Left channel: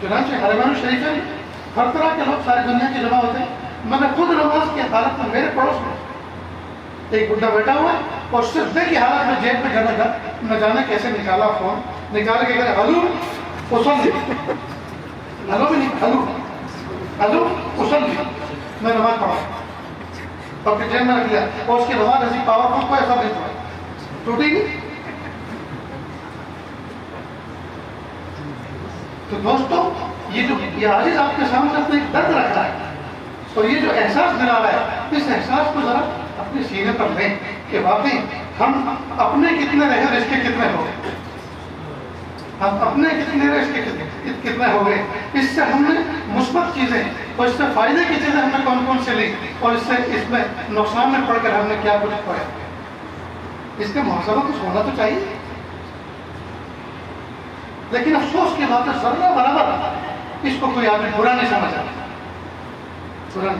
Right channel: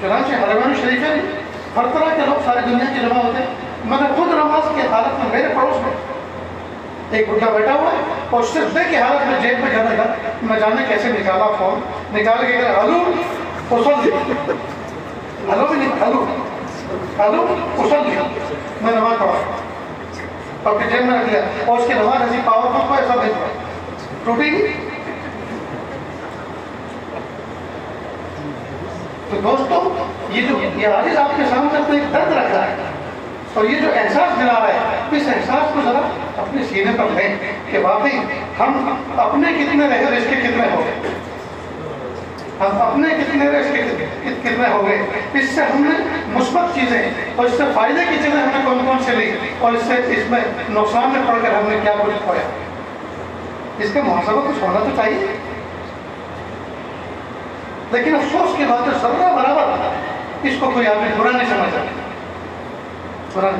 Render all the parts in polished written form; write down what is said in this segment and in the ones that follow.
چنانچہ حرمین شریف میں ہر طرح کے لوگ ساری دنیا کی جمع ہوتے ہیں. میں نے خود نماز کی حالت میں میرے پڑوس میں ایک بڈھا بیٹھا ہوا ہے اور صرف کی حالت میں جیب میں گھر لگا. میں جانے کیسے نکالا فون نکال کے کہ ہلو اسل دی, ہلو بھی نہیں, ہلو اسل دی. میں نماز پڑھا اپنی جیب میں رکھ لیا اور اس کی نماز ایسی پاورفل کو ایسا بھیجوا ٹوٹی نہیں. تو دوستو یہ عاجز آپ کے سامنے تو ایک درد رکھا ہے اور یہ جو احساس دلا رہا ہے اس احساس کو ذرا اپنے سینے پر لیں کہ واقعی ہم اپنے کتنے رہے اور اس کے کتنے ہو گئے. ہم اپنے کتنے رہے اس کے کتنے ہو گئے. اس سے ہم نے مثبت چیزیں اور اس سے فائدے کی چیزیں ہم نے کون کون سے لی اور اس میں نقصان میں پڑ کر ہم نے کیا کچھ کھویا. اس کا محاسبہ کچھ ہونا تو چاہیے. لیکن افسوس کی بات ہے ذرہ برابر اس کو کوئی آدمی برا نہیں سمجھا.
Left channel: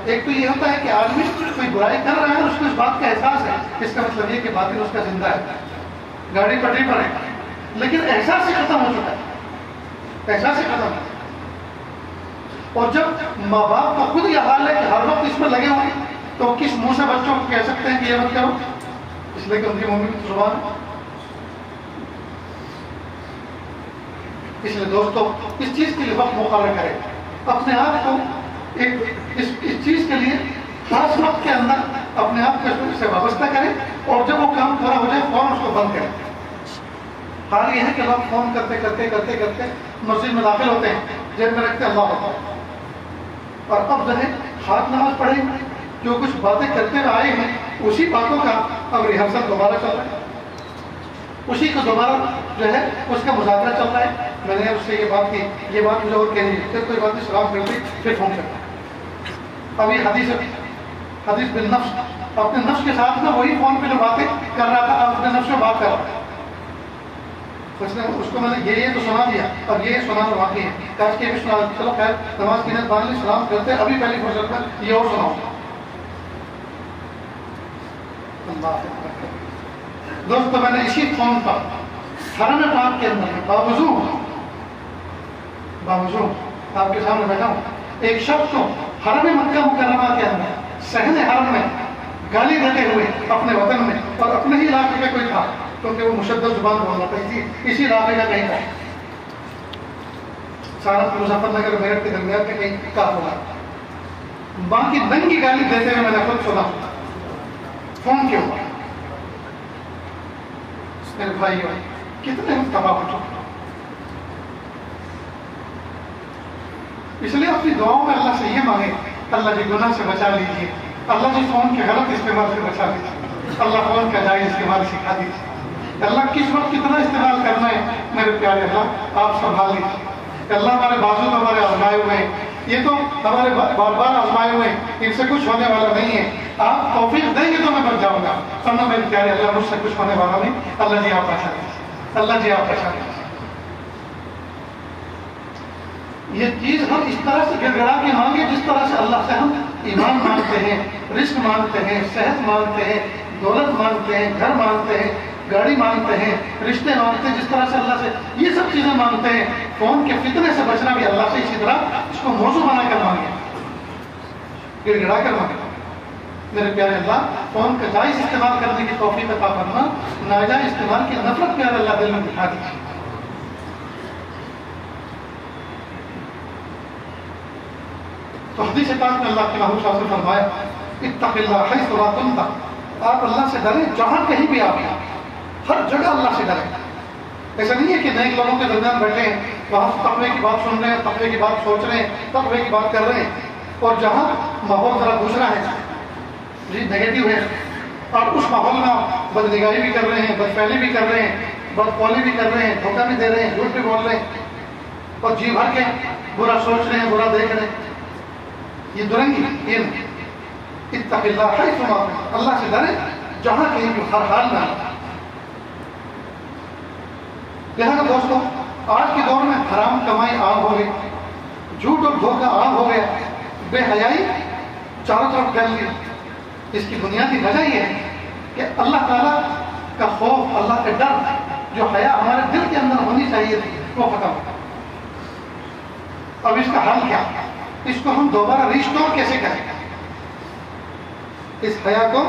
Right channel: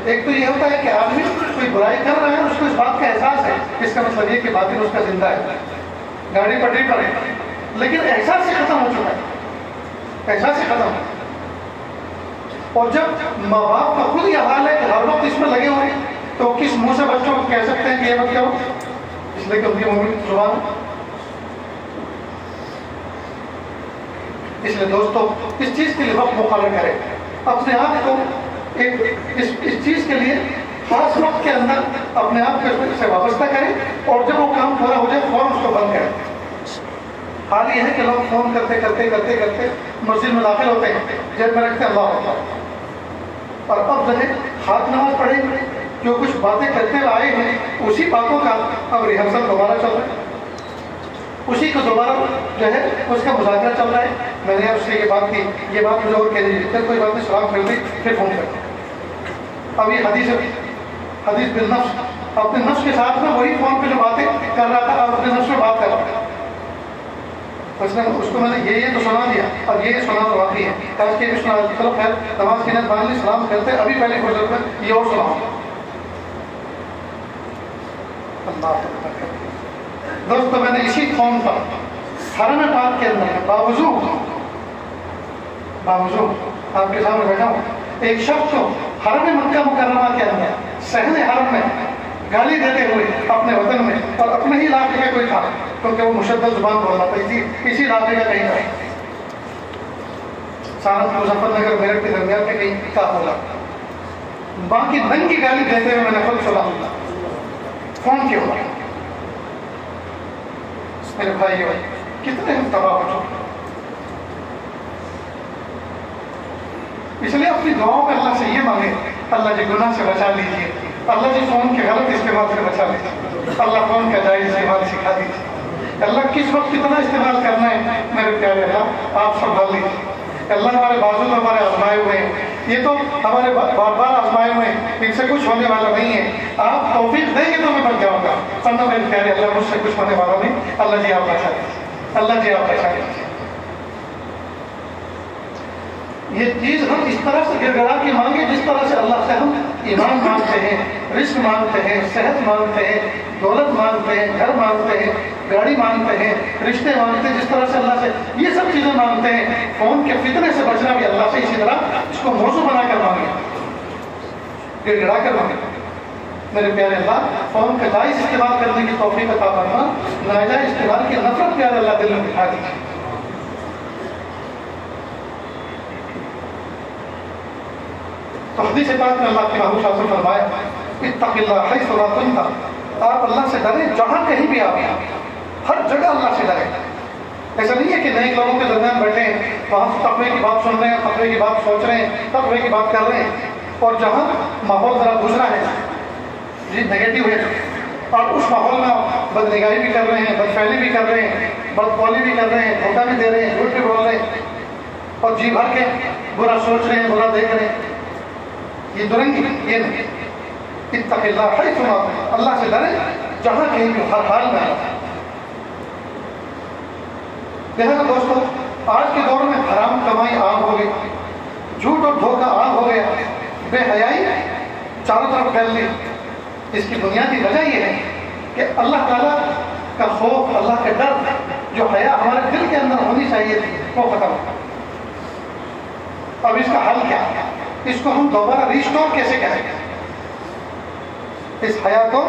ایک تو یہ ہوتا ہے کہ آدمی کوئی برائی کر رہا ہے اور اس کو اس بات کا احساس ہے, اس کا مطلب یہ کہ باطن اس کا زندہ ہے, گاڑی پٹری پر ہے, لیکن احساس سے ختم ہو چکا ہے, احساس سے ختم ہو. اور جب ماں باپ کا خود یہ حال ہے کہ ہر وقت اس میں لگے ہوئے تو کس منہ سے بچوں کو کہہ سکتے ہیں کہ یہ مت کرو, اس لیے کہ ان کی منہ کی زبان. اس لیے دوستو اس چیز کے لیے وقت مقرر کرے, اپنے آپ کو اس چیز کے لیے خاص وقت کے اندر اپنے آپ کو سے وابستہ کریں اور جب وہ کام پورا ہو جائے فوراً اس کو بند کریں. حال یہ ہے کہ لوگ فون کرتے کرتے کرتے کرتے مسجد میں داخل ہوتے ہیں, جیب میں رکھتے ہیں اللہ اکبر, اور اب جو ہے ہاتھ نماز پڑھیں گے جو کچھ باتیں کرتے ہوئے آئے ہیں اسی باتوں کا اب ریہرسل دوبارہ چل رہا ہے, اسی کو دوبارہ جو ہے اس کا مذاکرہ چل رہا ہے. میں نے اس سے یہ بات کی, یہ بات مجھے اور کہہ دیجیے, کوئی بات نہیں سلام کر دی پھر فون کرتا ہوں. ابھی حدیث بالنفس, اپنے نفس کے ساتھ میں وہی فون پہ جو باتیں کر رہا تھا اپنے نفس میں بات کر رہا تھا. اس کو میں نے یہ تو سنا دیا اور یہ سنا تو واقعی ہے, کاش کے بھی سنا. چلو خیر نماز کی نیت باندھ لی, سلام کرتے ابھی پہلے فرصت میں یہ اور سناؤں. اللہ دوستو میں نے اسی فون پر حرم پاک کے اندر باوضو آپ کے سامنے بیٹھا ہوں, ایک شخص کو حرم مکہ مکرمہ کے اندر صحن حرم میں گالی دیتے ہوئے اپنے وطن میں اور اپنے ہی علاقے کا کوئی تھا کیونکہ وہ مشدد زبان بول رہا تھا, اسی علاقے کا کہیں تھا, سہارنپور مظفر نگر میرٹھ کے درمیان میں کہیں کا ہوگا, باقی دن کی گالی دیتے ہوئے میں نے خود سنا فون کے اوپر. میرے بھائی کتنے ہم تباہ ہو چکے. اس لیے اپنی دعاؤں میں اللہ سے یہ مانگے اللہ جی گناہ سے بچا لیجیے, اللہ جی فون کے غلط استعمال سے بچا لیجیے, اللہ فون کا جائز استعمال سکھا دیجیے, اللہ کس وقت کتنا استعمال کرنا ہے میرے پیارے اللہ آپ سنبھال لیجیے. اللہ ہمارے بازو میں ہمارے آزمائے ہوئے ہیں, یہ تو ہمارے بار بار آزمائے ہوئے ہیں, ان سے کچھ ہونے والا نہیں ہے, آپ توفیق دیں گے تو میں بچ جاؤں گا. سنو میرے پیارے اللہ مجھ سے کچھ ہونے والا نہیں, اللہ جی آپ بچا لیجیے, اللہ جی آپ بچا لیجیے. یہ چیز ہم اس طرح سے گر گڑا کے مانگے جس طرح سے اللہ سے ہم ایمان مانگتے ہیں, رزق مانگتے ہیں, صحت مانگتے ہیں, دولت مانگتے ہیں, گھر مانگتے ہیں, گاڑی مانگتے ہیں, رشتے مانگتے ہیں, جس طرح سے اللہ سے یہ سب چیزیں مانگتے ہیں. فون کے فتنے سے بچنا بھی اللہ سے اسی طرح اس کو موضوع بنا کر مانگے, گر گڑا کر مانگے. میرے پیارے اللہ فون کا جائز استعمال کرنے کی توفیق عطا فرما, ناجائز استعمال کی نفرت پیار اللہ دل میں دکھا دیجیے. تو حدیث پاک میں اللہ کے محبوب صلی اللہ علیہ وسلم فرمایا اتق اللہ حیث لا کنت, آپ اللہ سے ڈریں جہاں کہیں بھی آپ ہیں, ہر جگہ اللہ سے ڈریں. ایسا نہیں ہے کہ نئے لوگوں کے درمیان بیٹھے ہیں وہاں تقوی کی بات سن رہے ہیں, تقوی کی بات سوچ رہے ہیں, تقوی کی بات کر رہے ہیں, اور جہاں ماحول ذرا دوسرا ہے جی نیگیٹو ہے اور اس ماحول میں بد نگاہی بھی کر رہے ہیں, بد فعلی بھی کر رہے ہیں, بد قولی بھی کر رہے ہیں, دھوکہ بھی دے رہے ہیں, جھوٹ بھی بول رہے ہیں اور جی بھر کے برا سوچ رہے ہیں, برا دیکھ رہے ہیں, یہ درنگی یہ نہیں. اتق اللہ حیث ما کنت, اللہ سے ڈرے جہاں کہیں بھی ہر حال میں. لہٰذا دوستو آج کے دور میں حرام کمائی عام ہو گئی, جھوٹ اور دھوکہ عام ہو گیا, بے حیائی چاروں طرف پھیل لی. اس کی بنیادی وجہ یہ ہے کہ اللہ تعالیٰ کا خوف, اللہ کا ڈر, جو حیا ہمارے دل کے اندر ہونی چاہیے تھی وہ ختم ہو. اب اس کا حل کیا؟ اس کو ہم دوبارہ ریسٹور کیسے کریں؟ اس حیا کو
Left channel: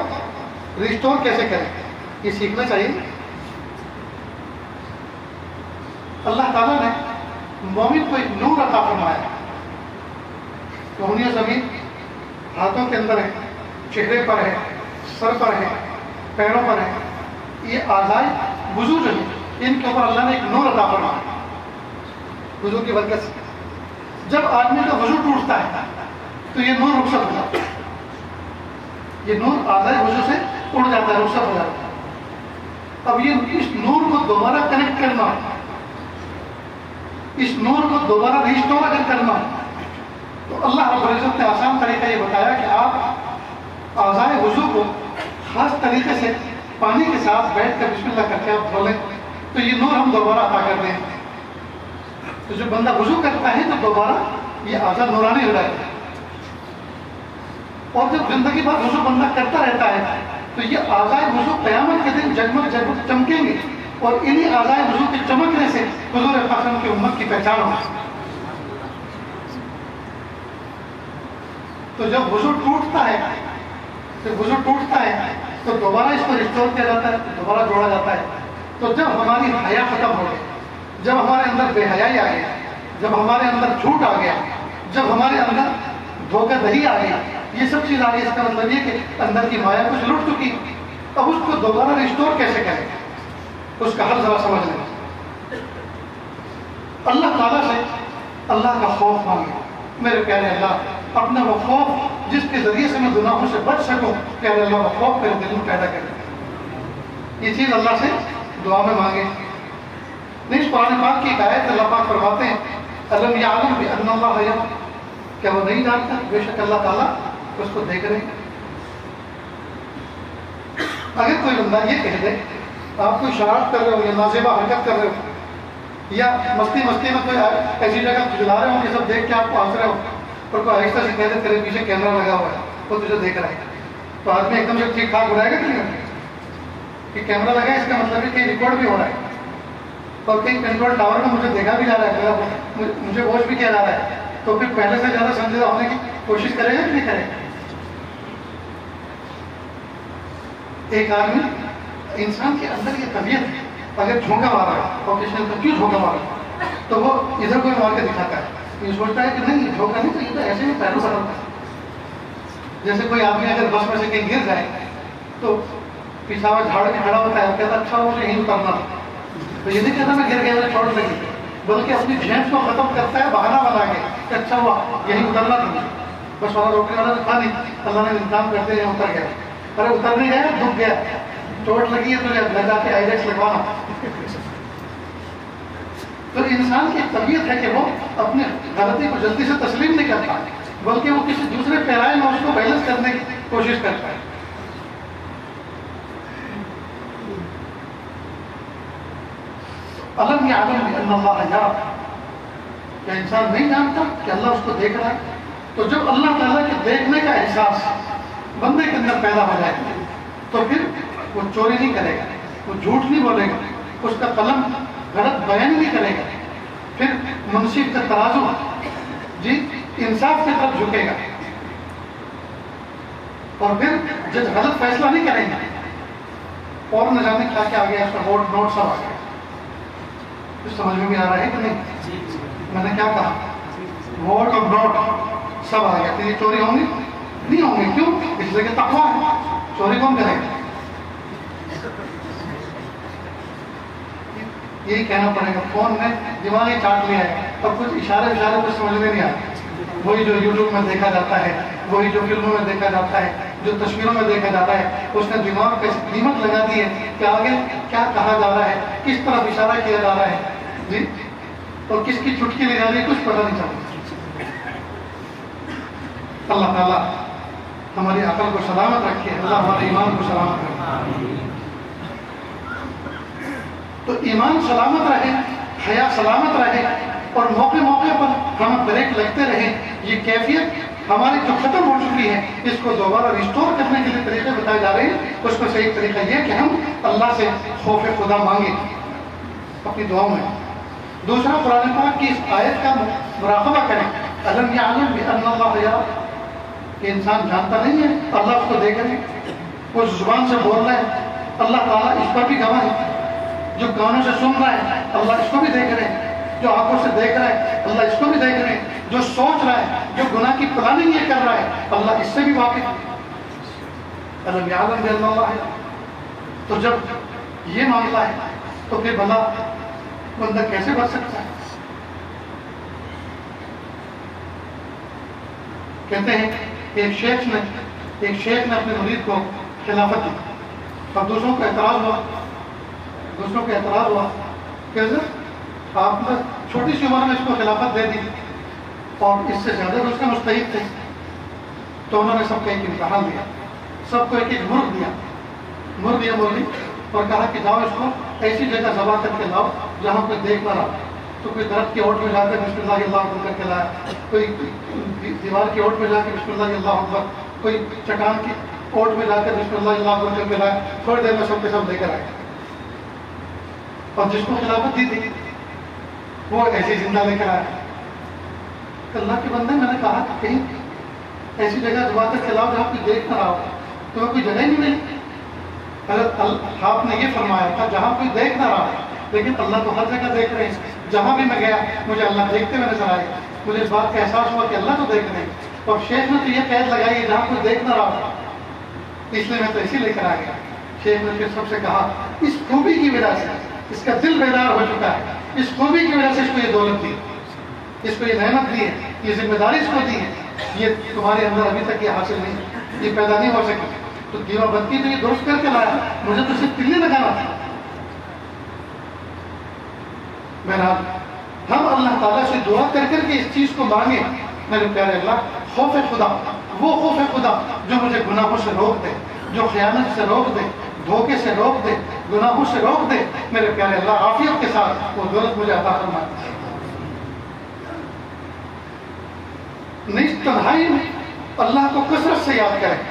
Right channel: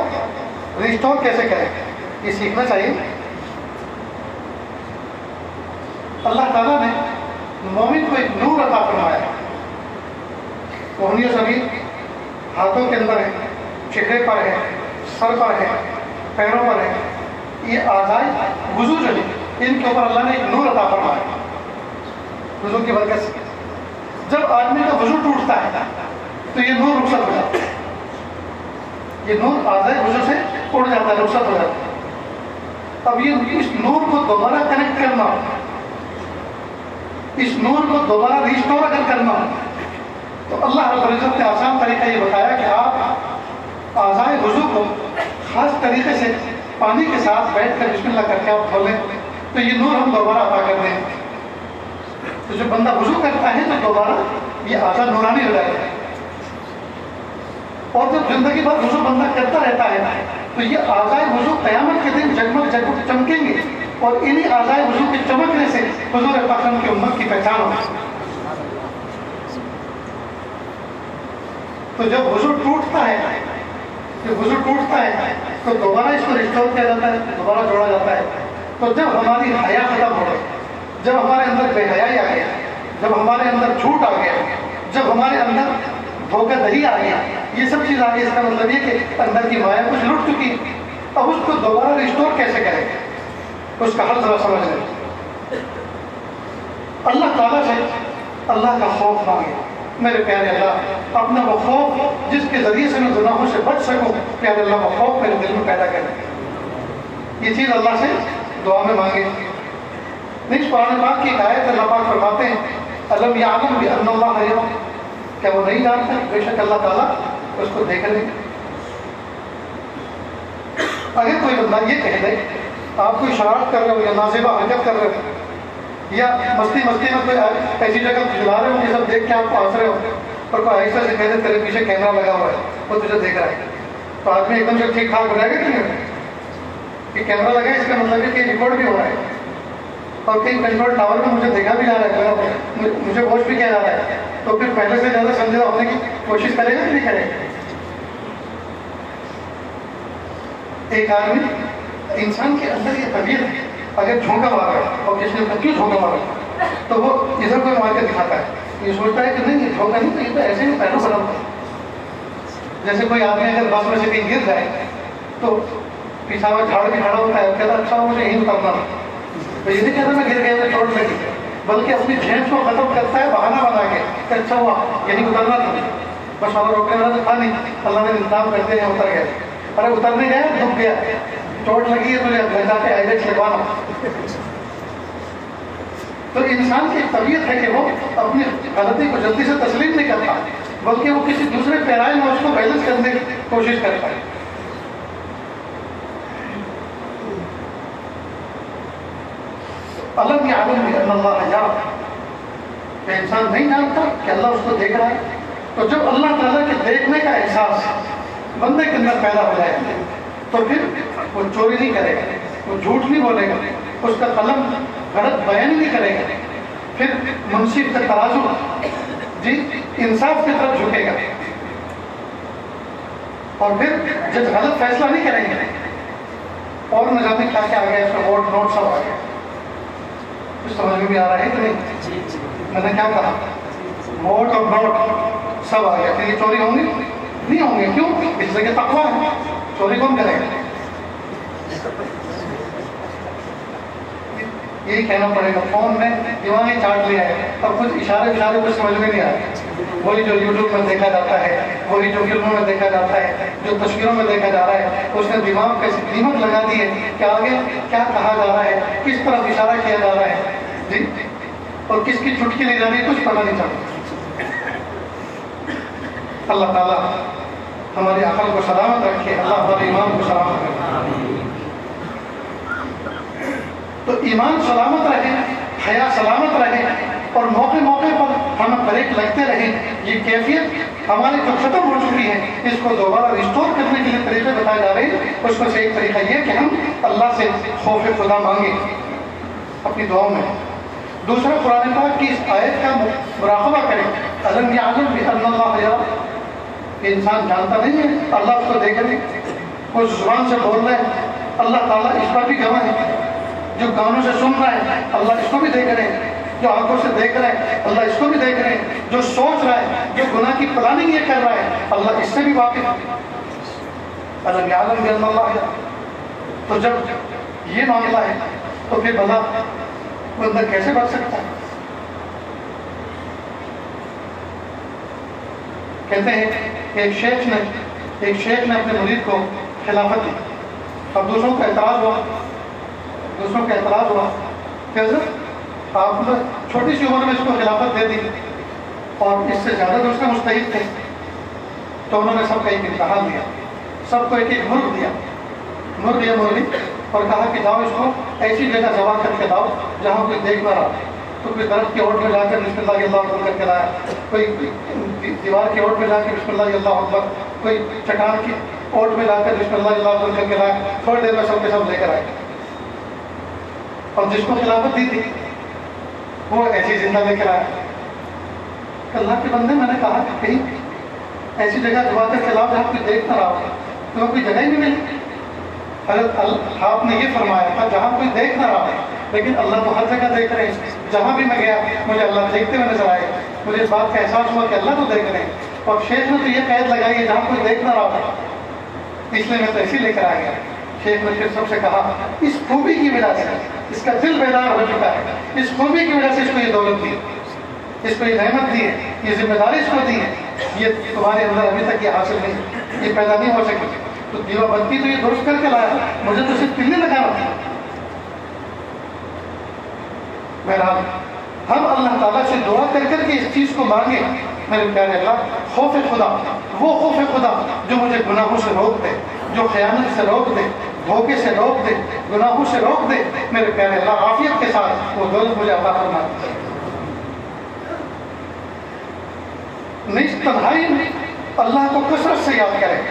ریسٹور کیسے کریں؟ یہ سیکھنا چاہیے. اللہ تعالیٰ نے مومن کو ایک نور عطا فرمایا ہے. روحانی زمین ہاتھوں کے اندر ہے، چہرے پر ہے، سر پر ہے، پیروں پر ہے. یہ اعضائے وضو جو ہے ان کے اوپر اللہ نے ایک نور عطا فرمایا ہے وضو کی برکت سے. جب آدمی کا وضو ٹوٹتا ہے تو یہ نور رخصت ہو جاتا ہے. یہ نور اعضائے وضو سے اڑ جاتا ہے، رخصت ہو جاتا ہے. اب یہ اس نور کو دوبارہ کنیکٹ کرنا، اس نور کو دوبارہ ریسٹور اگر کرنا تو اللہ رب العزت نے آسان طریقہ یہ بتایا کہ آپ اعضائے وضو کو خاص طریقے سے پانی کے ساتھ بیٹھ کر بسم اللہ کر کے آپ دھو لیں تو یہ نور ہم دوبارہ عطا کر دیں. تو جب بندہ وضو کرتا ہے تو دوبارہ یہ اعضاء نورانی ہو جاتے ہیں. اور جب زندگی بھر وضو بندہ کرتا رہتا ہے تو یہ اعضائے وضو قیامت کے دن جگمگ جگمگ چمکیں گے اور انہی اعضائے وضو کے چمکنے سے حضور اکرم کی امت کی پہچان ہوگی. تو جب وضو ٹوٹتا ہے تو دوبارہ اس کو ریسٹور کیا جاتا ہے، دوبارہ جوڑا جاتا ہے. تو جب ہماری حیا ختم ہو گئی، جب ہمارے اندر بے حیائی آ گیا، جب ہمارے اندر جھوٹ آ گیا، جب ہمارے اندر دھوکہ دہی آ گیا، یہ سب چیز آ گئی، اس کا مطلب یہ کہ اندر کی مایا کچھ لٹ چکی. اب اس کو دوبارہ ریسٹور کیسے کریں؟ اس کا حل ذرا سمجھ لیں. اللہ تعالیٰ سے اللہ کا خوف مانگے. میرے پیارے اللہ، اپنا وہ خوف جس کے ذریعے سے میں گناہوں سے بچ سکوں، پیارے اللہ وہ خوف میرے دل میں پیدا کریں. یہ چیز اللہ سے دعا میں مانگے. اس قرآن پاک کی ایک آیت اللہ پاک فرماتے ہیں الم یعلم بان اللہ یرا، کیا وہ نہیں جانتا بے شک اللہ تعالیٰ اس کو دیکھ رہے ہیں. اگر کوئی بندہ یہ کہہ دے آپ کوئی شرارت کر رہے ہو یا نازیبہ حرکت کر رہے ہو یا مستی میں کوئی ایسی جگہ جلا رہے ہو کہ سب دیکھ کے آپ کو ہنس رہے ہو اور کوئی آہستہ سے کہہ دے تیرے پیچھے کیمرہ لگا ہوا ہے وہ تجھے دیکھ رہا ہے، تو آدمی ایک دم سے ٹھیک ٹھاک بنائے گا کہ نہیں کہ کیمرہ لگا ہے اس کا مطلب ہے کہ ریکارڈ بھی ہو رہا ہے اور کہیں کنٹرول ٹاور میں مجھے دیکھا بھی جا رہا ہے، مجھے واچ بھی کیا جا رہا ہے، تو پھر پہلے سے زیادہ سنجیدہ ہونے کی کوشش کرے گا کہ نہیں کرے گا؟ ایک آدمی انسان کے اندر یہ طبیعت ہے، اگر جھونکا مار رہا ہے اور کسی نے کیوں جھونکا مارا تو وہ ادھر کوئی مار کے دکھاتا ہے، یہ سوچتا ہے کہ نہیں یہ جھونکا نہیں، تو یہ تو ایسے ہی پیروں بدلتا ہے. جیسے کوئی آدمی اگر بس میں سے کہیں گر جائے تو پیچھا ہوا جھاڑ کے کھڑا ہوتا ہے، کہتا اچھا مجھے یہیں اترنا، تو یہ نہیں کہتا میں گر گیا مجھے چوٹ لگی، بلکہ اپنی جھینس کو ختم کرتا ہے بہانہ بنا کے کہ اچھا ہوا یہیں اترنا تھا، بس والا روکنے والا تو تھا نہیں، اللہ نے انتظام کرتے ہیں اتر گیا. ارے اترنے گیا دکھ گیا، چوٹ لگی ہے تو گھر جا کے آئیلیٹس لگوانا. تو انسان کی طبیعت ہے کہ وہ اپنی غلطی کو جلدی سے تسلیم نہیں کرتا بلکہ وہ کسی دوسرے پیرائے میں اس کو بیلنس کرنے کی کوشش کرتا ہے. الم یعلم بان اللہ یرا، کہ انسان نہیں جانتا کہ اللہ اس کو دیکھ رہا ہے. تو جب اللہ تعالیٰ کے دیکھنے کا احساس بندے کے اندر پیدا ہو جائے تو پھر وہ چوری نہیں کرے گا، وہ جھوٹ نہیں بولے گا، اس کا قلم غلط بیان نہیں کرے گا، پھر منصف کا ترازو انصاف کی طرف جھکے گا، اور پھر جج غلط فیصلہ نہیں کریں گے اور نظامی کھا کے آ گیا، اس کا ووٹ نوٹ سب آ گیا. کچھ سمجھ میں بھی آ رہا ہے کہ نہیں؟ میں نے کیا کہا؟ ووٹ اور نوٹ سب آ گیا. یہ چوری ہوں گی؟ نہیں ہوں گے. کیوں؟ اس لیے کہ تقویٰ ہے. چوری کون کرے گا؟ یہی کہنا پڑے گا. فون میں دماغ ہی چاٹ لیا ہے، اب کچھ اشارے کچھ سمجھ میں نہیں آ رہا. وہی جو یوٹیوب میں دیکھا جاتا ہے، وہی جو فلموں میں دیکھا جاتا ہے، جو تصویروں میں دیکھا جاتا ہے، اس نے دماغ پہ دیمک لگا دی ہے کہ آگے کیا کہا جا رہا ہے، کس طرف اشارہ کیا جا رہا ہے جی، اور کس کی چٹکی لی جا رہی ہے، کچھ پتہ نہیں چلتا. اللہ تعالیٰ ہماری عقل کو سلامت رکھے، اللہ ہمارے ایمان کو سلامت رکھے. تو ایمان سلامت رہے، حیا سلامت رہے، اور موقع پر ہمیں بریک لگتے رہیں. یہ کیفیت ہمارے جو ختم ہو چکی ہے اس کو دوبارہ ریسٹور کرنے کے لیے طریقے بتائے جا رہے ہیں. اس کو صحیح طریقہ یہ کہ ہم اللہ سے خوف خدا مانگیں اپنی دعاؤں میں. دوسرا قرآن پاک کی اس آیت کا مراقبہ کریں، الم یعلم بان اللہ یرى، کہ انسان جانتا نہیں ہے اللہ اس کو دیکھ رہے، اس زبان سے بول رہے ہیں اللہ تعالیٰ اس پر بھی گواہ ہے، جو کانوں سے سن رہے ہیں اللہ اس کو بھی دیکھ رہے ہیں، جو آنکھوں سے دیکھ رہے ہیں اللہ اس کو بھی دیکھ رہے ہیں، جو سوچ رہا ہے، جو گناہ کی پلاننگ یہ کر رہا ہے اللہ اس سے بھی واقف ہے۔ الم یعلم بان اللہ یرى، تو جب یہ معاملہ ہے تو پھر بھلا بندہ کیسے بچ سکتا ہے؟ کہتے ہیں کہ ایک شیخ نے اپنے مرید کو خلافت دی، اب دوسروں کا اعتراض ہوا کہ حضرت آپ نے چھوٹی سی عمر میں اس کو خلافت دے دی اور اس سے زیادہ دوسرے مستحق تھے، تو انہوں نے سب کو ایک امتحان دیا، سب کو ایک ایک مرغ دیا مرغی اور کہا کہ جاؤ اس کو ایسی جگہ ذبح کر کے لاؤ جہاں کوئی دیکھ نہ رہا، تو کوئی درخت کی اوٹ میں جا کر بسم اللہ اللہ اکبر کر کے لایا، کوئی دیوار کی اوٹ میں جا کے بسم اللہ اللہ اکبر، کوئی چٹان کی اوٹ میں جا کر بسم اللہ اللہ اکبر کر کے لایا، تھوڑی دیر میں سب کے سب لے کر آئے، اور جس کو خلافت دی تھی وہ ایسی زندہ لے کر آیا۔ اللہ کے بندے میں نے کہا کہ کہیں ایسی جگہ ذبح کر کے لاؤ جہاں کوئی دیکھ نہ رہا ہو، تو کوئی جگہ ہی نہیں ملی۔ حضرت آپ نے یہ فرمایا تھا جہاں کوئی دیکھ نہ رہا ہے، لیکن اللہ تو ہر جگہ دیکھ رہے ہیں، جہاں بھی میں گیا مجھے اللہ دیکھتے ہوئے نظر آئے، مجھے اس بات کا احساس ہوا کہ اللہ تو دیکھ رہے ہیں، اور شیخ نے تو یہ قید لگائی ہے جہاں کوئی دیکھ نہ رہا تھا، اس لیے میں تو ایسے لے کر آ گیا۔ شیخ نے پھر سب سے کہا اس خوبی کی وجہ سے اس کا دل بیدار ہو چکا ہے، اس خوبی کی وجہ سے اس کو یہ دولت دی، اس کو یہ نعمت دی ہے، یہ ذمہ داری اس کو دی ہے، یہ تمہارے اندر ابھی تک یہ حاصل نہیں، یہ پیدا نہیں ہو سکی، تو دیوا بتی تو یہ درست کر کے لایا، مجھے تو صرف تلے لگانا تھا۔ بہرحال ہم اللہ تعالیٰ سے دعا کر کر کے اس چیز کو مانگیں، میرے پیارے اللہ، خوف خدا، وہ خوف خدا جو مجھے گناہوں سے روک دے، جو خیانت سے روک دے، دھوکے سے روک دے، گناہوں سے روک دے، میرے پیارے اللہ عافیت کے ساتھ وہ دولت مجھے عطا فرما دے۔ نیز تنہائی میں اللہ کو کثرت سے یاد کریں،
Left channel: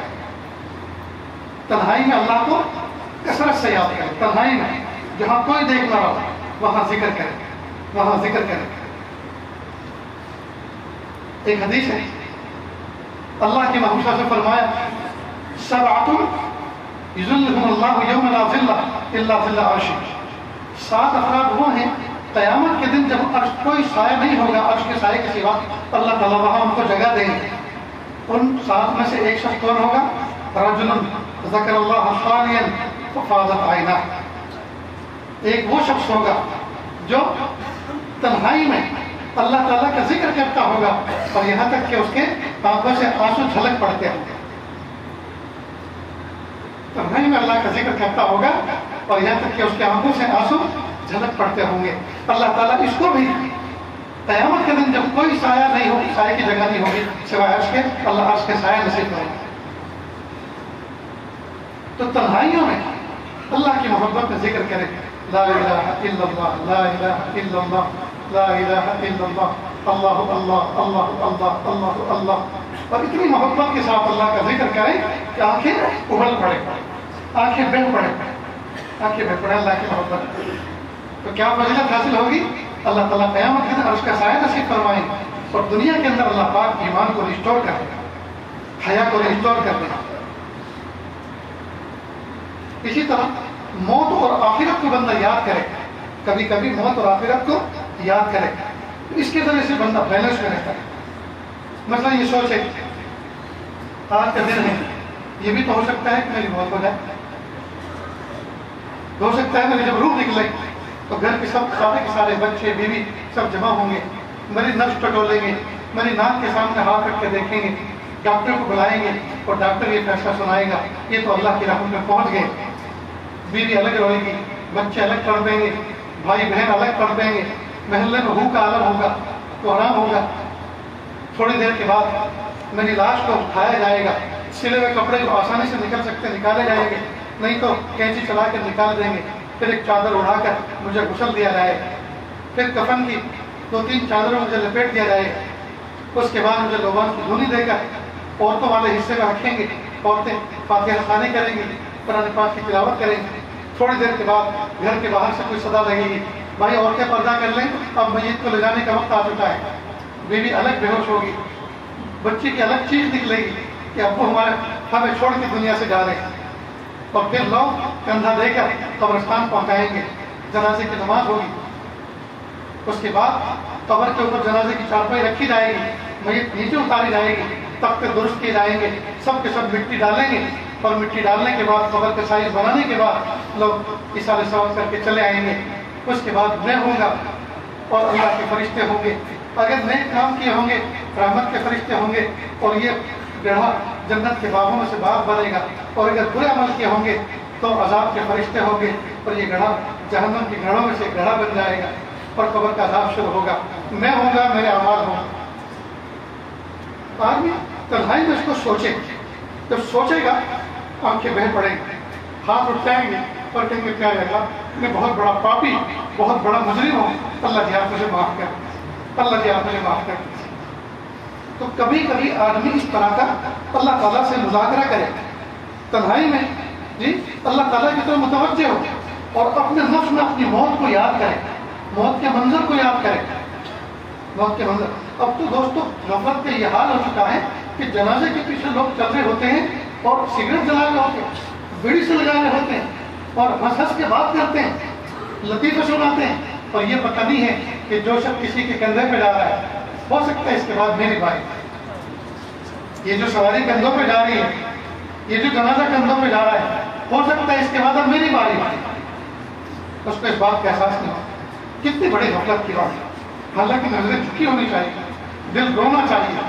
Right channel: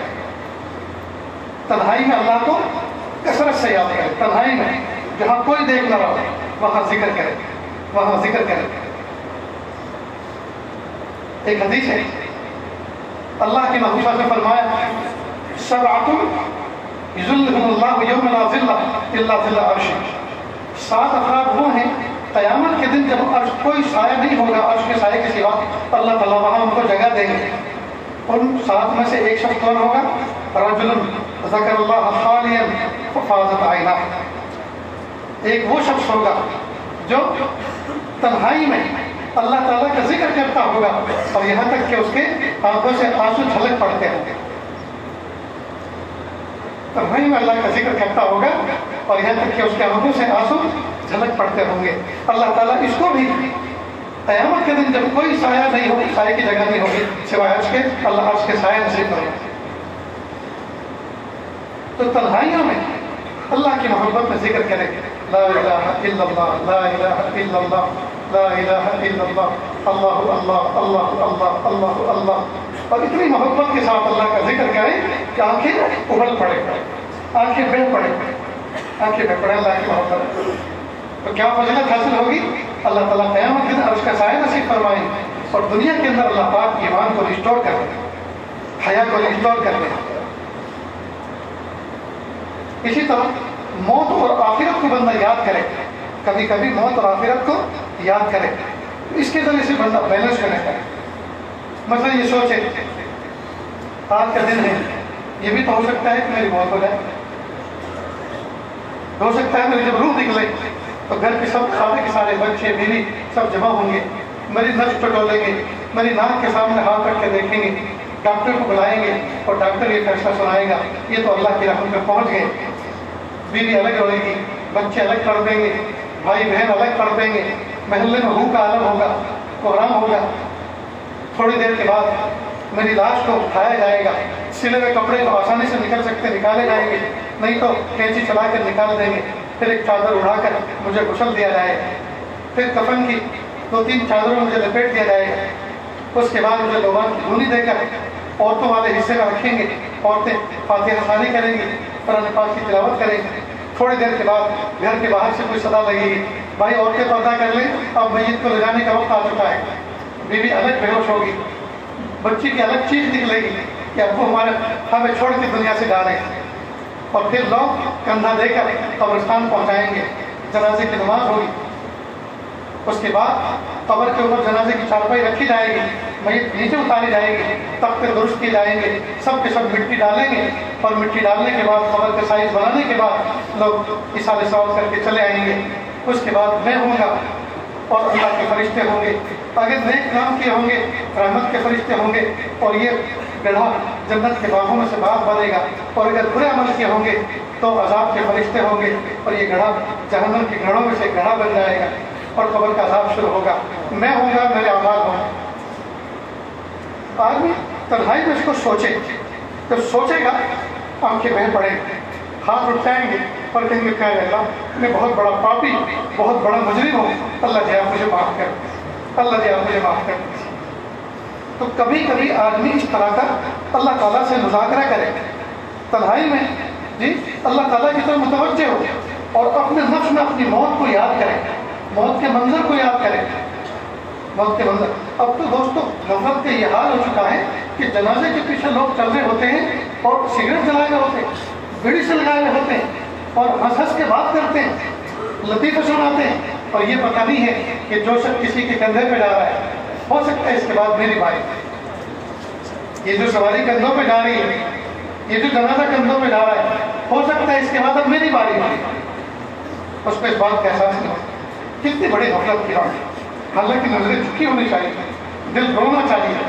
تنہائی میں اللہ کو کثرت سے یاد کریں، تنہائی میں جہاں کوئی دیکھ نہ رہا وہاں ذکر کریں، وہاں ذکر کریں۔ ایک حدیث ہے اللہ کی محبوبہ سے فرمایا سبعۃ یظلهم اللہ یوم لا ظل الا ظل عرشہ، 7 افراد وہ ہیں قیامت کے دن جب عرش کوئی سایہ نہیں ہوگا عرش کے سائے کے سوا، اللہ تعالیٰ وہاں ان کو جگہ دیں گے۔ ان 7 میں سے ایک شخص کون ہوگا؟ رجل ذکر اللہ خالیا ففاضت عیناہ، ایک وہ شخص ہوگا جو تنہائی میں اللہ تعالیٰ کا ذکر کرتا ہوگا اور یہاں تک کہ اس کے آنکھوں سے آنسو جھلک پڑتے ہیں، تنہائی میں اللہ کا ذکر کرتا ہوگا اور یہاں تک کہ اس کے آنکھوں سے آنسو جھلک پڑتے ہوں گے۔ اللہ تعالیٰ اس کو بھی قیامت کے دن جب کوئی سایہ نہیں ہوگی، سایہ کی جگہ نہیں ہوگی سوائے عرش کے، اللہ عرش کے سایہ نصیب کرے۔ تو تنہائیوں میں اللہ کی محبت میں ذکر کرے، لا الہ الا اللہ، لا الہ الا اللہ، لا الہ الا اللہ، اللہ اللہ اللہ اللہ اللہ اللہ، اور اتنی محبت کے ساتھ اللہ کا ذکر کریں کہ آنکھیں ابل پڑے، آنکھیں بہہ پڑے، آنکھیں بہہ پڑے اللہ کی محبت۔ تو کیا فضیلت حاصل ہوگی؟ اللہ تعالیٰ قیامت کے دن عرش کا سایہ نصیب فرمائیں اور دنیا کے اندر اللہ پاک ایمان کو ریسٹور کر دیں، حیا کو ریسٹور کر دیں۔ اسی طرح موت اور آخرت کو بندہ یاد کرے، کبھی کبھی موت اور آخرت کو یاد کرے، اس کے ذریعے سے بندہ بیلنس میں رہتا ہے۔ مثلا یہ سوچے آج کا دن ہے، یہ بھی تو ہو سکتا ہے کہ میری موت ہو جائے، ہو سکتا ہے میری جب روح نکلے تو گھر کے سب سارے کے سارے بچے بیوی سب جمع ہوں گے، میری نفس ٹٹولیں گے، میری ناک کے سامنے ہاتھ رکھ کے دیکھیں گے، ڈاکٹر کو بلائیں گے اور ڈاکٹر یہ فیصلہ سنائے گا یہ تو اللہ کی رحمت میں پہنچ گئے، بیوی الگ رہے گی، بچے الگ کر دیں گے، بھائی بہن الگ کر دیں گے، محلے میں ہو کا عالم ہوگا، کوہرام ہوگا۔ تھوڑی دیر کے بعد میری لاش کو اٹھایا جائے گا، سلے ہوئے کپڑے کو آسانی سے نکالے جائیں گے، نہیں تو کینچی چلا کر نکال دیں گے، پھر ایک چادر اڑا کر مجھے غسل دیا جائے گا، پھر کفن کی 2-3 چادروں مجھے لپیٹ دیا جائے گا، اس کے بعد مجھے لوبان کی دھونی دے کر عورتوں والے حصے میں رکھیں گے، عورتیں فاتحہ خوانی کریں گی، قرآن پاک کی تلاوت کریں گے۔ تھوڑی دیر کے بعد گھر کے باہر سے کوئی صدا لگے گی، بھائی عورتیں پردہ کر لیں، اب میت کو لے جانے کا وقت آ چکا ہے، بیوی الگ بے ہوش ہوگی، بچی کی الگ چیخ نکلے گی کہ ابو ہمیں چھوڑ کے دنیا سے جا رہے ہیں، اور پھر لوگ کندھا دے کر قبرستان پہنچائیں گے، جنازے کی نماز ہوگی، اس کے بعد قبر کے اوپر جنازے کی چارپائی رکھی جائے گی، میت نیچے اتاری جائے گی، تختے درست کیے جائیں گے، سب کے سب مٹی ڈالیں گے، اور مٹی ڈالنے کے بعد قبر کا سائز بنانے کے بعد لوگ اِسارے ثواب کر کے چلے آئیں گے۔ اس کے بعد میں ہوں گا اور اللہ کے فرشتے ہوں گے، اگر نیک کام کیے ہوں گے رحمت کے فرشتے ہوں گے، اور یہ گڑھا جنت کے باغوں میں سے باغ بنے گا، اور اگر برے عمل کیے ہوں گے تو عذاب کے فرشتے ہوں گے، اور یہ گڑھا جہنم کے گڑھوں میں سے گڑھا بن جائے گا، اور قبر کا عذاب شروع ہوگا۔ میں ہوں گا، میرے اعمال ہوں گے۔ آدمی تنہائی میں اس کو سوچے، جب سوچے گا آنکھیں بہہ پڑیں گے، ہاتھ اٹھائیں گے اور کہیں گے پیارے اللہ میں بہت بڑا پاپی، بہت بڑا مجرم ہوں، اللہ جی آپ مجھے معاف کر، اللہ جی آپ مجھے معاف کر۔ تو کبھی کبھی آدمی اس طرح کا اللہ تعالیٰ سے مذاکرہ کرے تنہائی میں، جی اللہ تعالیٰ کی طرف متوجہ ہو، اور اپنے نفس میں اپنی موت کو یاد کرے، موت کے منظر کو یاد کرے، موت کے منظر۔ اب تو دوستو غفلت کا یہ حال ہو چکا ہے کہ جنازے کے پیچھے لوگ چل رہے ہوتے ہیں اور سگریٹ جلائے ہوئے ہوتے ہیں، بیڑی سے لگائے ہوئے ہوتے ہیں، اور ہنس ہنس کے بات کرتے ہیں، لطیفے سناتے ہیں، اور یہ پتہ نہیں ہے کہ جو شخص کسی کے کندھے پہ جا رہا ہے ہو سکتا ہے اس کے بعد میری باری، یہ جو سواری کندھوں پہ جا رہی ہے، یہ جو جنازہ کندھوں پہ جا رہا ہے، ہو سکتا ہے اس کے بعد اب میری باری باری، اس کو اس بات کا احساس نہیں ہوتا۔ کتنی بڑی غفلت کی بات ہے۔ حالانکہ نظریں جھکی ہونی چاہیے، دل رونا چاہیے،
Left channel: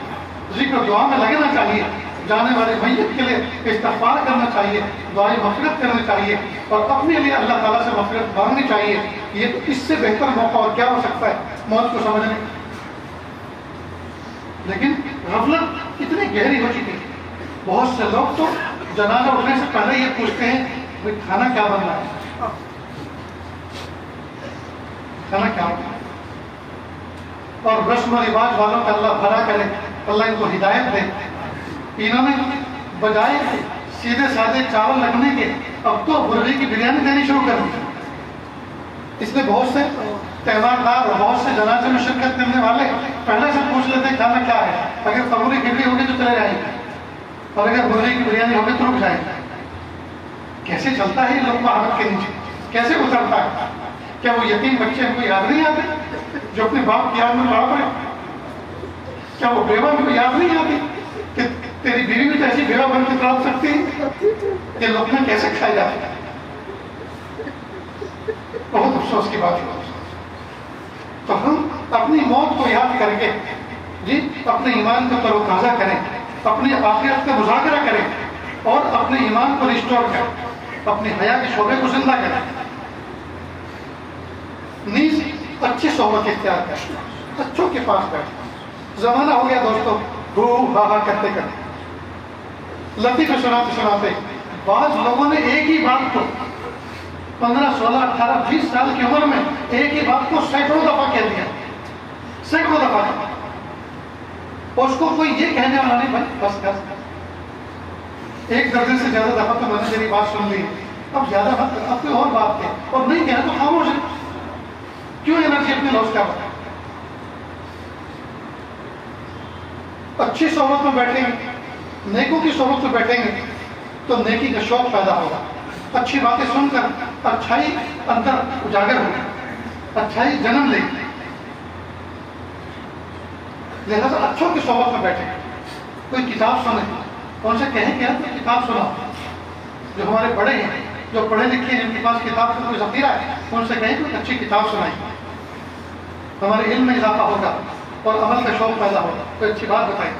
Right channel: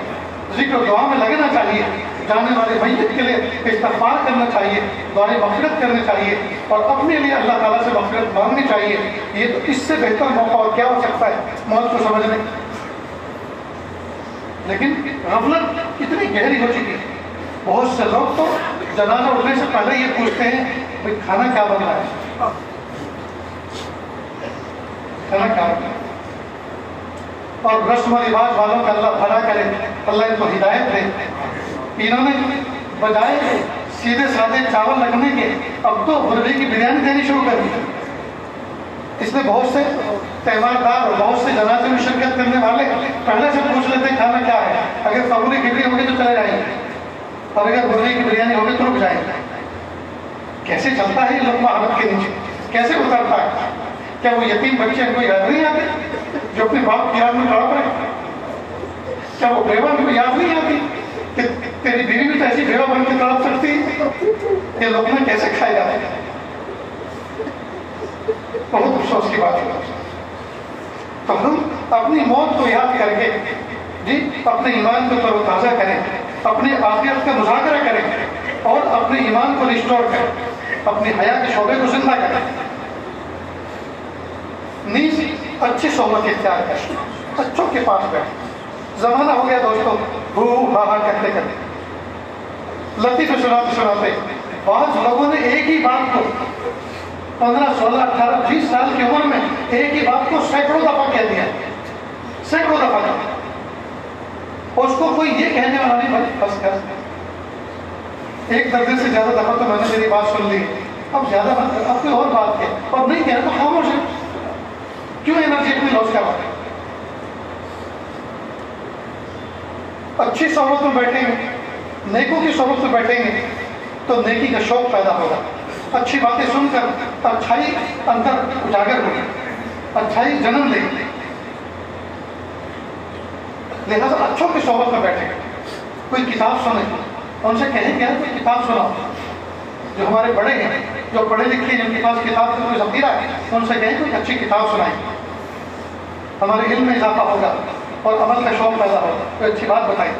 ذکر دعا میں لگنا چاہیے، جانے والے میت کے لیے استغفار کرنا چاہیے، دعائیں مغفرت کرنی چاہیے، اور اپنے لیے اللہ تعالیٰ سے مغفرت مانگنی چاہیے۔ یہ تو اس سے بہتر موقع اور کیا ہو سکتا ہے موت کو سمجھنے۔ لیکن غفلت اتنی گہری ہو چکی ہے، بہت سے لوگ تو جنازہ اٹھنے سے پہلے یہ پوچھتے ہیں بھائی کھانا کیا بن رہا ہے، کھانا کیا بن رہا ہے۔ اور رسم و رواج والوں کا اللہ بھلا کرے، اللہ ان کو ہدایت دے۔ انہوں نے بجائے سیدھے سادے چاول رکھنے کے اب تو مرغی کی بریانی دینی شروع کر دی۔ اس لیے بہت سے تہوار دار اور بہت سے جنازے میں شرکت کرنے والے پہلے سے پوچھ لیتے ہیں کھانا کیا ہے، اگر قبولی کھچڑی ہوگی تو چلے جائیں گے، اور اگر مرغی کی بریانی ہوگی تو رک جائیں گے۔ کیسے چلتا ہے یہ لقمہ ہاتھ کے نیچے، کیسے اترتا ہے؟ کیا وہ یتیم بچے ان کو یاد نہیں آتے جو اپنے باپ کی یاد میں تڑپ رہے؟ کیا وہ بیوہ ان کو یاد نہیں آتی کہ تیری بیوی بھی تو ایسی بیوہ بن کے تڑپ سکتی ہے؟ یہ لقمے کیسے کھائے جاتے ہیں؟ بہت افسوس کی بات ہے۔ تو ہم اپنی موت کو یاد کر کے جی اپنے ایمان کو تر و تازہ کریں، اپنی آخرت کا مذاکرہ کریں، اور اپنے ایمان کو ریسٹور کریں، اپنی حیا کے شعبے کو زندہ کریں۔ نیز اچھی صحبت اختیار کریں، اچھوں کے پاس بیٹھیں۔ زمانہ ہو گیا دوستو ہو ہا ہا کرتے کرتے، لطیفے سناتے سناتے بعض لوگوں نے ایک ہی بات کو 15 16 18 20 سال کی عمر میں ایک ہی بات کو سینکڑوں دفعہ کہہ دیا، سینکڑوں دفعہ، اور اس کو کوئی یہ کہنے والا نہیں بھائی بس کر، ایک درجن سے زیادہ دفعہ تو میں نے میری بات سن لی، اب زیادہ مت، اب کوئی اور بات ہے، اور نہیں کہنا تو خاموش ہے، کیوں انرجی اپنی لاس کر رہا ہے؟ اچھی صحبت میں بیٹھیں گے، نیکوں کی صحبت میں بیٹھیں گے تو نیکی کا شوق پیدا ہوگا، اچھی باتیں سن کر اچھائی اندر اجاگر ہوگی، اچھائی جنم لے گی۔ لہٰذا اچھوں کی صحبت میں بیٹھیں گے، کوئی کتاب سنیں، ان سے کہیں کہ کوئی کتاب سناؤ، جو ہمارے بڑے ہیں، جو پڑھے لکھے جن کے پاس کتاب کا کوئی ذخیرہ ہے، ان سے کہیں کوئی اچھی کتاب سنائیں، ہمارے علم میں اضافہ ہوگا اور عمل کا شوق پیدا ہوگا، کوئی اچھی بات بتائیں۔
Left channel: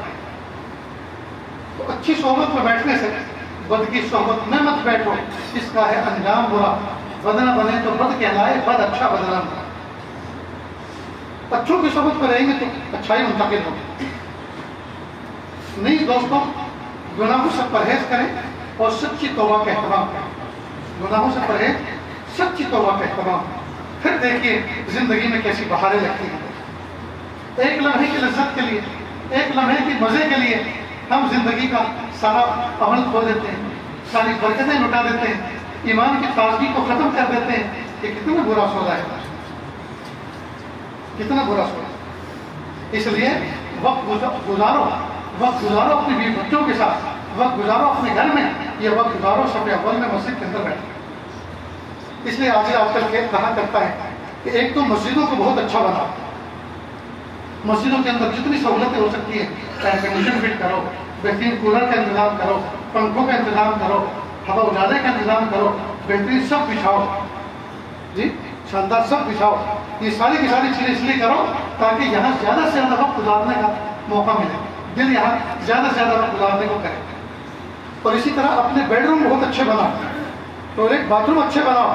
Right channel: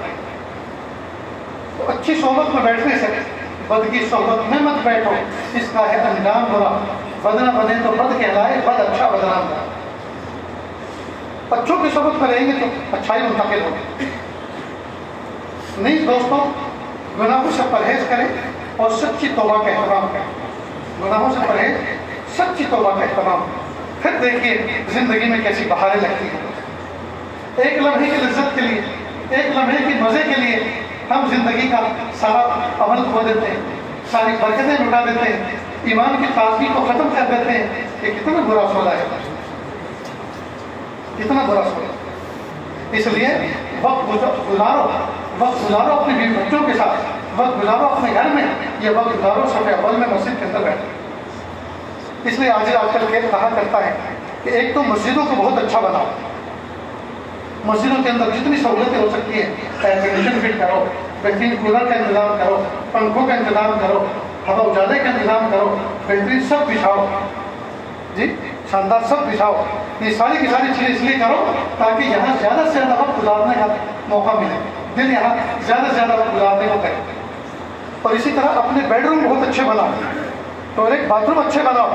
تو اچھی صحبت میں بیٹھنے سے، بد کی صحبت میں مت بیٹھو، اس کا ہے انجام برا، بد نہ بنے تو بد کہلائے، بد اچھا بدنام کرے۔ اچھوں کی صحبت میں رہیں گے تو اچھائی منتقل ہوگی۔ نہیں دوستوں، گناہوں سے پرہیز کریں اور سچی توبہ کا اہتمام کریں، گناہوں سے پرہیز، سچی توبہ کا اہتمام کریں، پھر دیکھیے زندگی میں کیسی بہاریں لگتی ہیں۔ ایک لمحے کی لذت کے لیے، ایک لمحے کی مزے کے لیے ہم زندگی کا سارا عمل کھو دیتے ہیں، ساری برکتیں لٹا دیتے ہیں، ایمان کی تازگی کو ختم کر دیتے ہیں۔ یہ کتنا برا سودا ہے، کتنا برا سوچ. اس لیے وقت گزارو اپنے بیوی بچوں کے ساتھ, وقت گزارو اپنے گھر میں, یہ وقت گزارو صف اول میں مسجد کے اندر بیٹھے. اس لیے آج کل کہا کرتا ہے کہ ایک تو مسجدوں کو بہت اچھا بناؤ, مسجدوں کے اندر جتنی سہولتیں ہو سکتی ہیں, ایئر کنڈیشن فٹ کرو, بہترین کولر کا انتظام کرو, پنکھوں کا انتظام کرو, ہوا اجالے کا انتظام کرو, بہترین سب بچھاؤ, جی شاندار سب بچھاؤ. یہ ساری کی ساری چیزیں اس لیے کرو تاکہ یہاں زیادہ سے زیادہ وقت گزارنے کا موقع ملے, دل یہاں زیادہ سے زیادہ وقت گزارنے کو کرے. اور اسی طرح اپنے بیڈ روم بہت اچھے بناؤ, ٹوائلٹ باتھ روم اچھے بناؤ,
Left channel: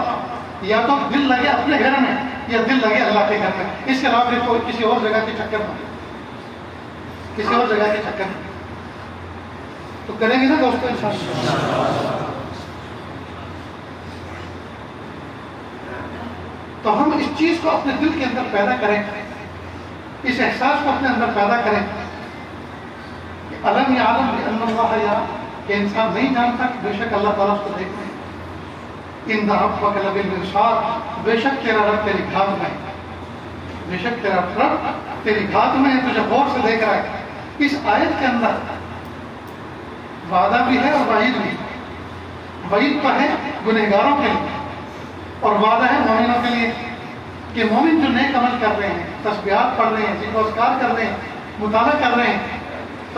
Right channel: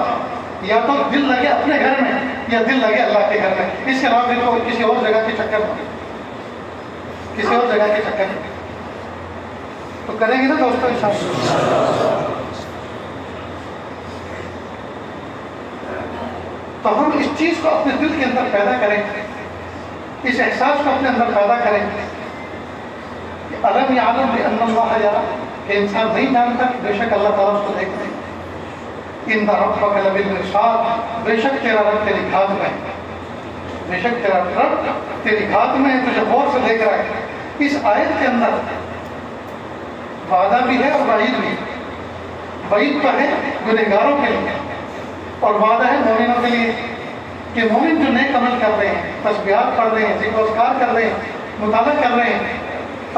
یا تو دل لگے اپنے گھر میں یا دل لگے اللہ کے گھر میں. اس کے علاوہ تو کسی اور جگہ کے چکر میں, کسی اور جگہ کے چکر میں تو کریں گے نا دوستوں انشاءاللہ. تو ہم اس چیز کو اپنے دل کے اندر پیدا کریں, اس احساس کو اپنے اندر پیدا کریں کہ الم یعلم بان اللہ یرا, کہ انسان نہیں جانتا بے شک اللہ تعالیٰ اس کو دیکھتے ہیں. ان ربک لبالمرصاد, بے شک تیرا رب تیری گھات میں, بے شک تیرا رب تیری گھات میں ہے, تجھے غور سے دیکھ رہا ہے. اس آیت کے اندر وعدہ بھی ہے اور وعید بھی ہے. وعید تو ہے گنہگاروں کے لیے اور وعدہ ہے مومنوں کے لیے کہ مومن جو نیک عمل کر رہے ہیں, تسبیحات پڑھ رہے ہیں, ذکر و اذکار کر رہے ہیں, مطالعہ کر رہے ہیں,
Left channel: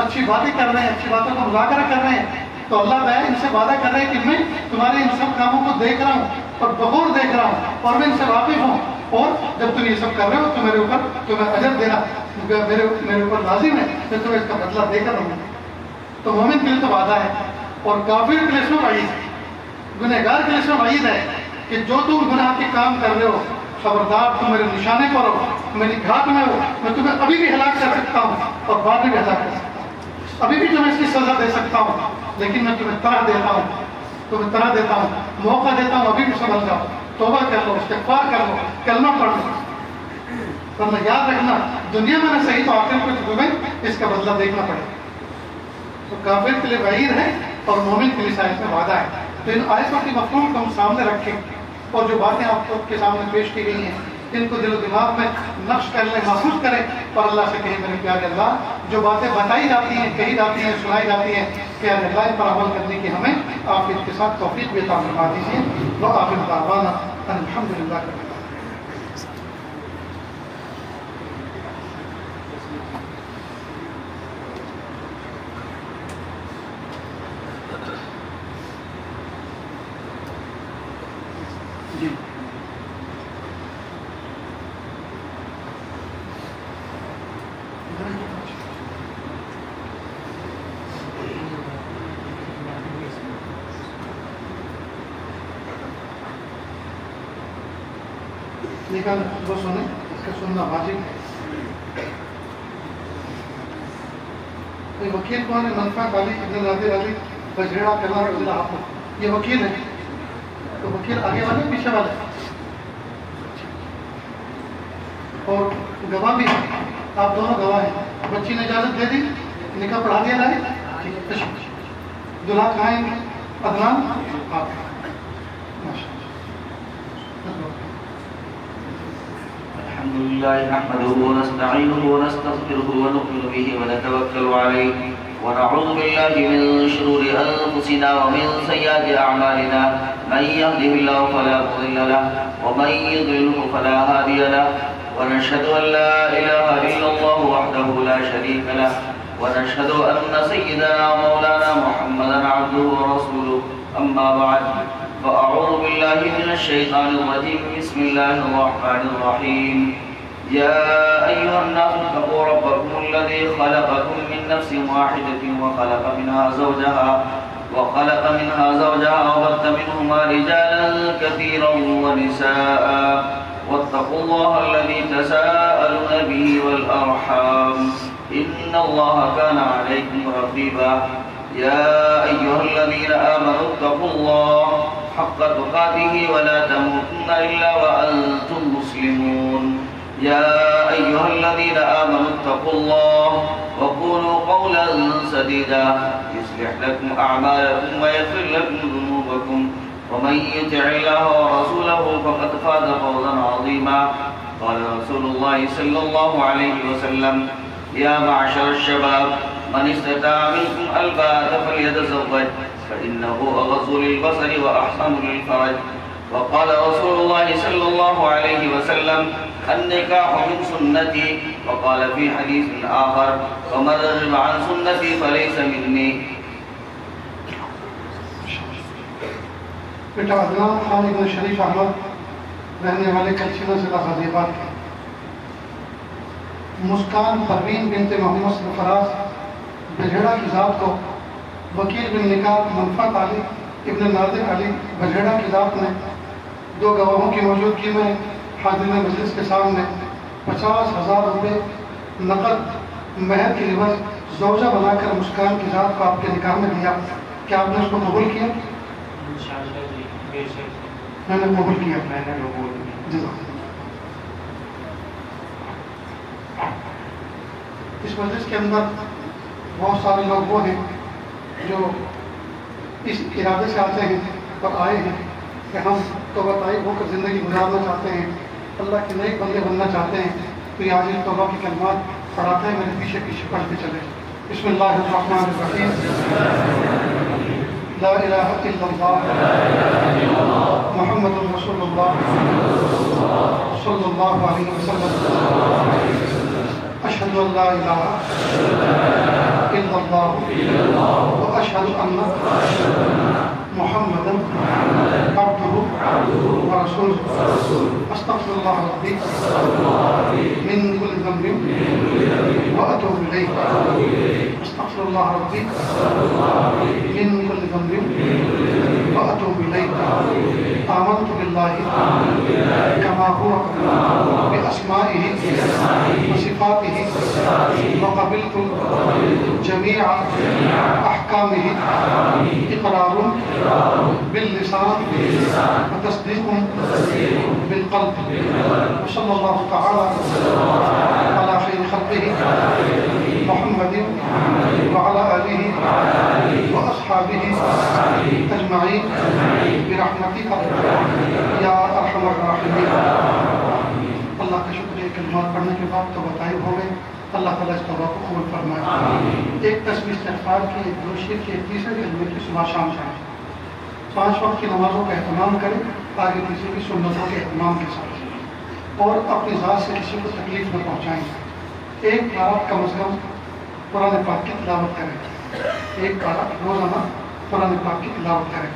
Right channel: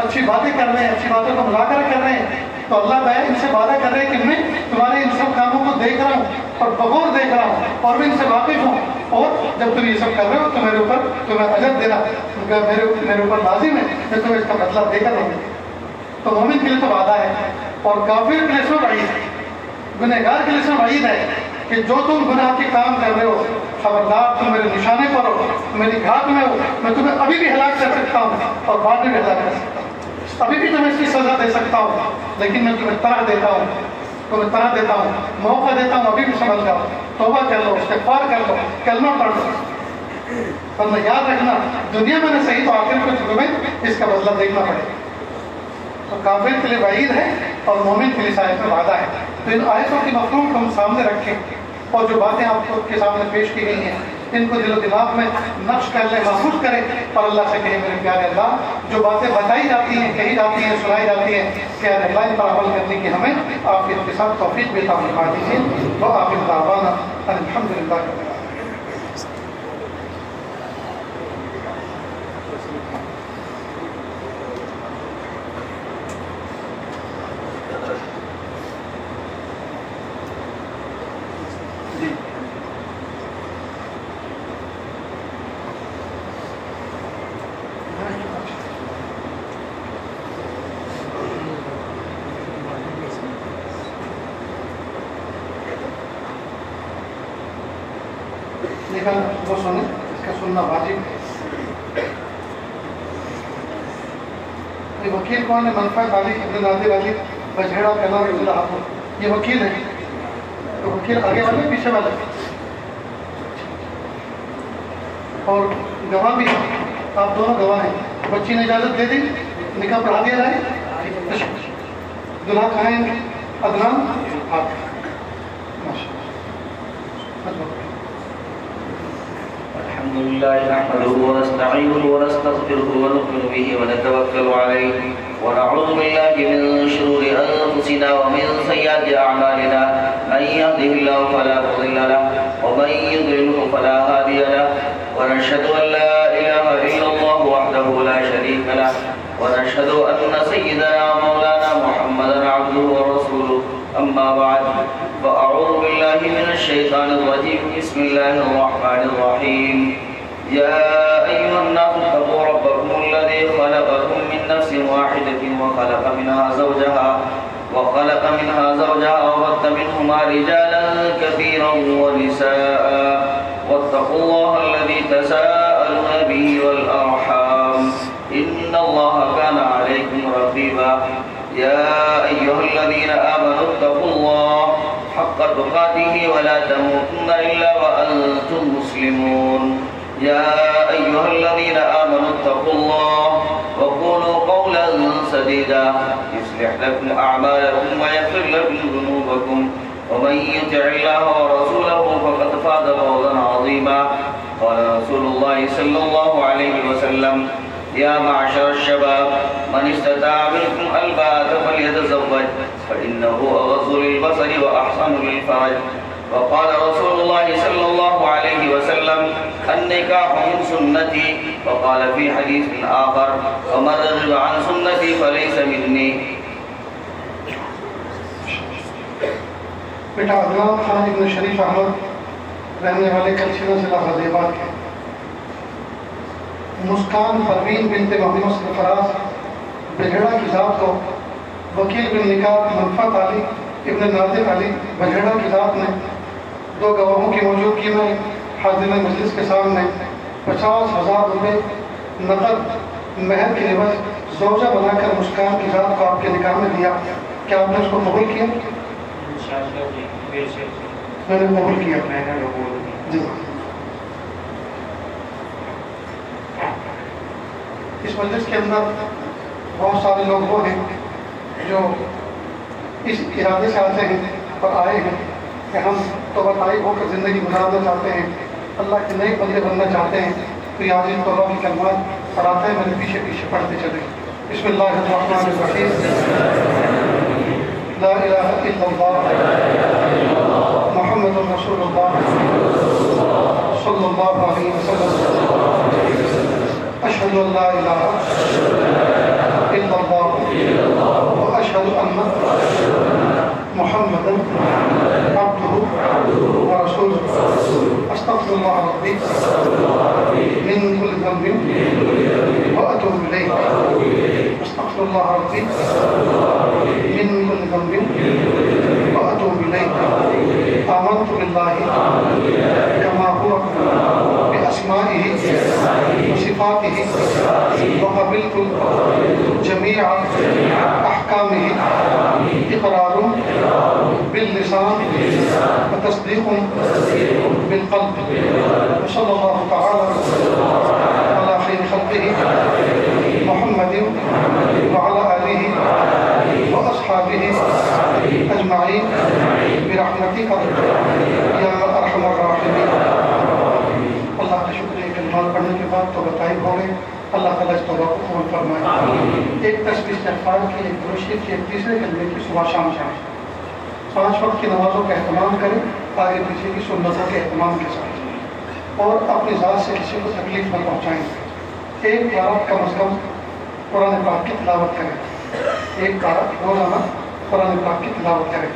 اچھی باتیں کر رہے ہیں, اچھی باتوں کا مذاکرہ کر رہے ہیں, تو اللہ تعالیٰ ان سے وعدہ کر رہے ہیں کہ میں تمہارے ان سب کاموں کو دیکھ رہا ہوں اور بغور دیکھ رہا ہوں اور میں ان سے واقف ہوں, اور جب تم یہ سب کر رہے ہو تو میرے اوپر تمہیں اجر دینا میرے اوپر لازم ہے, میں تمہیں اس کا بدلہ دے کر رہوں. تو مومن کے لیے تو وعدہ ہے, اور کافر کے لیے سو وعید ہے, گنہگار کے لیے سو وعید ہے کہ جو تم گناہ کے کام کر رہے ہو خبردار تم میرے نشانے پر ہو, میری گھات میں ہو, میں تمہیں ابھی بھی ہلاک کر سکتا ہوں اور بعد میں بھی ہلاک کر سکتا ہوں, ابھی بھی تمہیں اس کی سزا دے سکتا ہوں, لیکن میں تمہیں طرح دیتا ہوں, موقع دیتا ہوں, ابھی بھی سمجھ جاؤ, توبہ کر لو, استغفار کر لو, کلمہ پڑھ لو. ورنہ یاد رکھنا دنیا میں نے صحیح تو آخر کو تمہیں اس کا بدلہ دیکھنا پڑے. تو کافر کے لیے وعید ہے اور مومن کے لیے آیت میں وعدہ ہے. تو ان آیتوں کے مفہوم کو ہم سامنے رکھیں اور جو باتیں آپ کے سامنے پیش کی گئی ہیں ان کو دل و دماغ میں نقش کر لیں, محفوظ کریں اور اللہ سے کہیں میرے پیارے اللہ, جو باتیں بتائی جاتی ہیں, کہی جاتی ہیں, سنائی جاتی ہیں, پیارے اللہ ان پر عمل کرنے کی ہمیں آپ کے ساتھ توفیق بھی عطا فرما دیجیے. وآخر دعوانا الحمدللہ. وہ سنیں, اس کا سننا واجب ہے. یہ وکیل کون ہے؟ منفعت علی ابن نادر علی بجھیڑا کلار اللہ حافظ, یہ وکیل ہے. تو وکیل آگے والے پیچھے والے اور گواہ بھی ہیں, آپ دونوں گواہ ہیں. بچی نے اجازت دے دی, نکاح پڑھا دیا جائے. دلہا کھائیں گے عدنان آپ الحمد لله نحمده ونستعينه ونستغفره ونؤمن به ونتوكل عليه ونعوذ بالله من شرور انفسنا ومن سيئات اعمالنا من يهده الله فلا مضل له ومن يضلل فلا هادي له ونشهد ان لا اله الا الله وحده لا شريك له ونشهد ان سيدنا ومولانا محمدا عبده ورسوله. اما بعد فأعوذ بالله من الشيطان الرجيم. بسم الله الرحمن الرحيم. يا أيها الناس اتقوا ربكم الذي خلقكم من نفس واحدة وخلق منها زوجها وبث منهما رجالا كثيرا ونساء واتقوا الله الذي تساءلون به والأرحام إن الله كان عليكم رقيبا. يا أيها الذين آمنوا اتقوا الله حق تقاته ولا تموتن إلا وأنتم مسلمون. يا أيها الذين آمنوا اتقوا الله وقولوا قولا سديدا يصلح لكم أعمالكم ويغفر لكم ذنوبكم ومن يطع الله ورسوله فقد فاز فوزا عظيما. قال رسول الله صلى الله عليه وسلم يا معشر الشباب من استطاع منكم الباءة فليتزوج فإنه أغض للبصر وأحسن للفرج. وقال رسول الله صلى الله عليه وسلم النكاح من سنتي. وقال في حديث آخر ومن رغب عن سنتي فليس مني. بیٹا عدنان خان ابن شریف احمد رہنے والے کلچینہ ضلع غازی آباد کے، مسکان پروین بنت محمد سرفراز بجھڑا کی ذات کو وکیل بن نکاح منفعت علی ابن نادر علی بجھڑا کی ذات نے 2 گواہوں کی موجودگی میں حاضرین مجلس کے سامنے 50,000 روپے نقد مہر کے عوض زوجہ بنا کر مسکان کی ذات کو آپ کے نکاح میں دیا. کیا آپ نے اس کو قبول کیا؟ میں نے قبول کیا. جی اس مجلس کے اندر بہت سارے لوگ وہ ہیں جو اس ارادے سے آتے ہیں اور آئے ہیں کہ ہم توبہ طائب ہو کر زندگی گزارنا چاہتے ہیں، اللہ کے نئے بندے بننا چاہتے ہیں. تو یہ عاجز توبہ کی کلمات پڑھاتے ہیں، میرے پیچھے پیچھے پڑھتے چلے. بسم اللہ الرحمن الرحیم. لا الہ الا اللہ محمد رسول اللہ صلی اللہ علیہ وسلم. اشہد ان لا الہ الا اللہ واشہد ان محمد عبدہ ورسولہ. استغفر اللہ ربی من کل ذنب واتوب الیہ. استغفر اللہ ربی من کل ذنب واتوب الیہ. آمنت باللہ کما هو باسمائہ وصفاتہ وقبلت جمیع احکامہ. اقرار باللسان وتصدیق بالقلب. صلی اللہ تعالی علی خیر خلقہ محمد وعلى آلہ وأصحابہ اجمعین برحمتک یا ارحم الراحمین. اللہ کا شکریہ. کلمات پڑھنے کے بعد توبہ طائب ہو گئے. اللہ تعالیٰ اس توبہ کو قبول فرمائے. ایک تسبیح استغفار کی، ایک درود شریف کی، ایک تیسرے کلمے کی صبح شام شام. 5 وقت کی نمازوں کا اہتمام کریں آگے پیچھے کی سنتوں کے اہتمام کے ساتھ، اور اپنی ذات سے کسی کو تکلیف نہ پہنچائیں. ایک رات کم از کم قرآن پاک کی تلاوت کریں. ایک رات روزانہ قرآن پاک کی تلاوت کریں.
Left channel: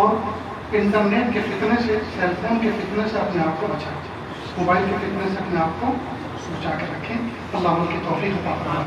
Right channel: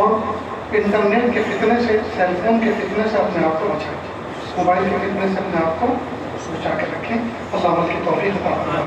اور انٹرنیٹ کے فتنے سے، سیل فون کے فتنے سے اپنے آپ کو بچائیں. موبائل کے فتنے سے اپنے آپ کو بچا کے رکھیں. اللہ عمل کی توفیق عطا فرمائے.